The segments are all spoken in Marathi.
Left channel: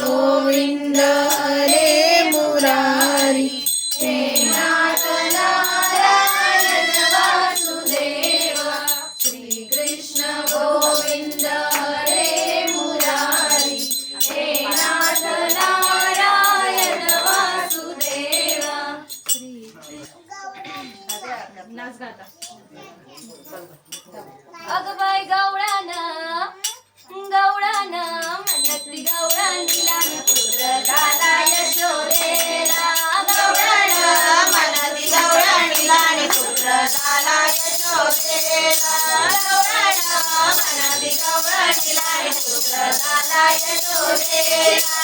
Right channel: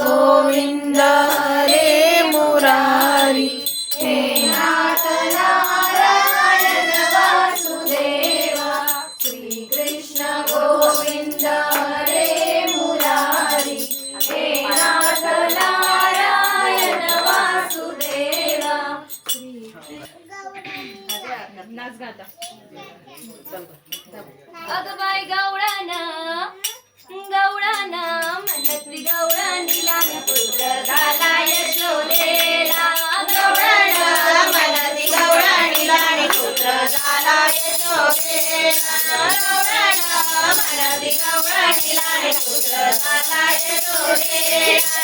गोविंद हरे मुरारी। हे नाथ नारायण वासुदेवा श्रीकृष्ण गोविन्द हरे मुरारी हे नाथ नारायण वासुदेवा श्रीकृष्ण अगवाय गावळाना गवळानं म्हणती गवळानी लहान पुत्र झाला यशोदेला. गवळानं मनती गवळणी लाणी पुत्र झाला यशोदेला. गवळण पुत्र झाला यशोदेला.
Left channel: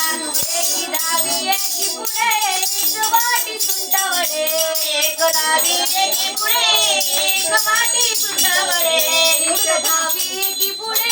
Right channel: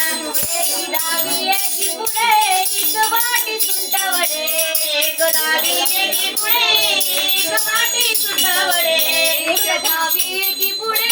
एकी एकी पुढे एक वाटी सुंटावडे एक दावी एकी पुढे एक एक एकी पुढे.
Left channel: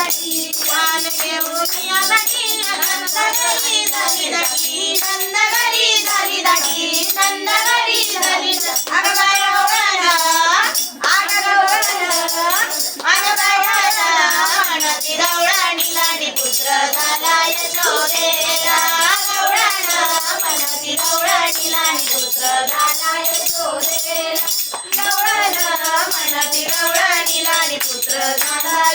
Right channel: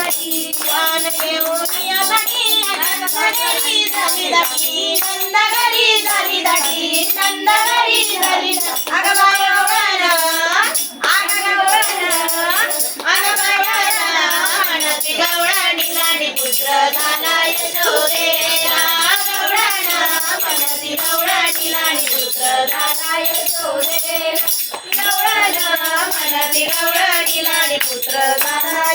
झाली दाटी घेऊन येताती दाटी वान झाली दाटी नंदघरी झाली दाटी नंदघरी झाली अगं बाई गवळण अगं गवळण अगं बाई गवळण म्हणती गवळणी लाडी पुत्र झाला यशोदेला गवळण म्हणती गवळणी लाडी पुत्र झाला गवळणी लाडी पुत्र झाला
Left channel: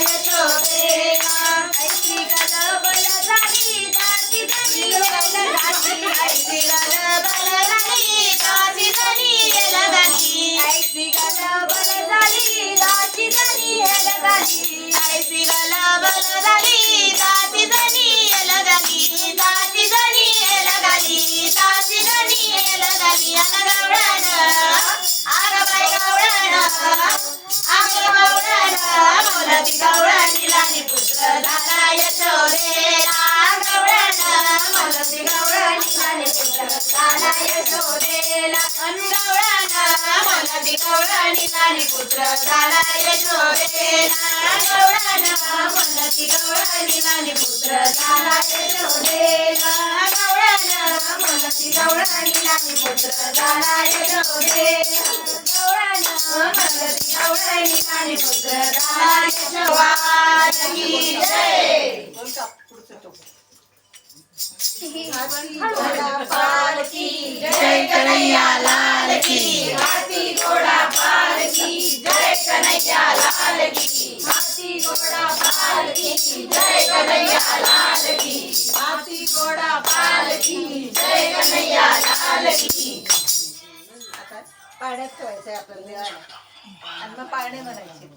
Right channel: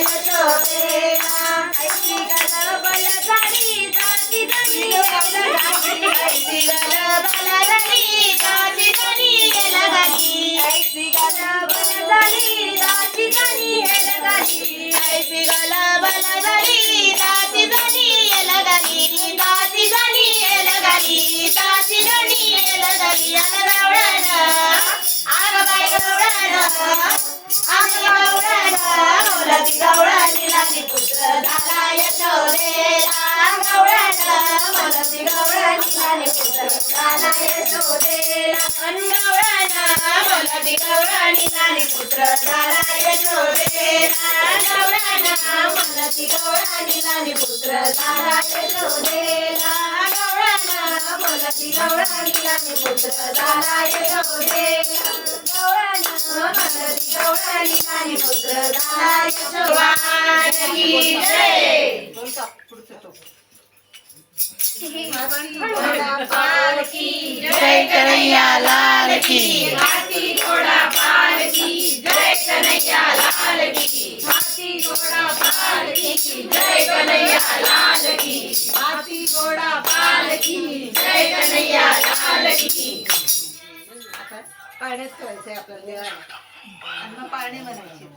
बोलती गवळणी लाली पुत्र झाला यशोदेला गवळण बोलती गवळणी लाली पुत्र झाला यशोदेला अन गवळण बोलती गवळणी लाली पुत्र झाला यशोदेला गवळण बोलती गवळणी लाली पुत्र झाला यशोदेला गवळण बोलती गवळणी लाली पुत्र झाला यशोदेला गवळण बोलती गवळणी लाली पुत्र झाला यशोदेला की जय जय कन्हैया लाल की जय कन्हैया लाल की. हाती घोडा पालकी जय कन्हैया लाल की पाण्यात ठेवायचंय आपल्याला. देवाला आणि मग पाणी. म्हणायचे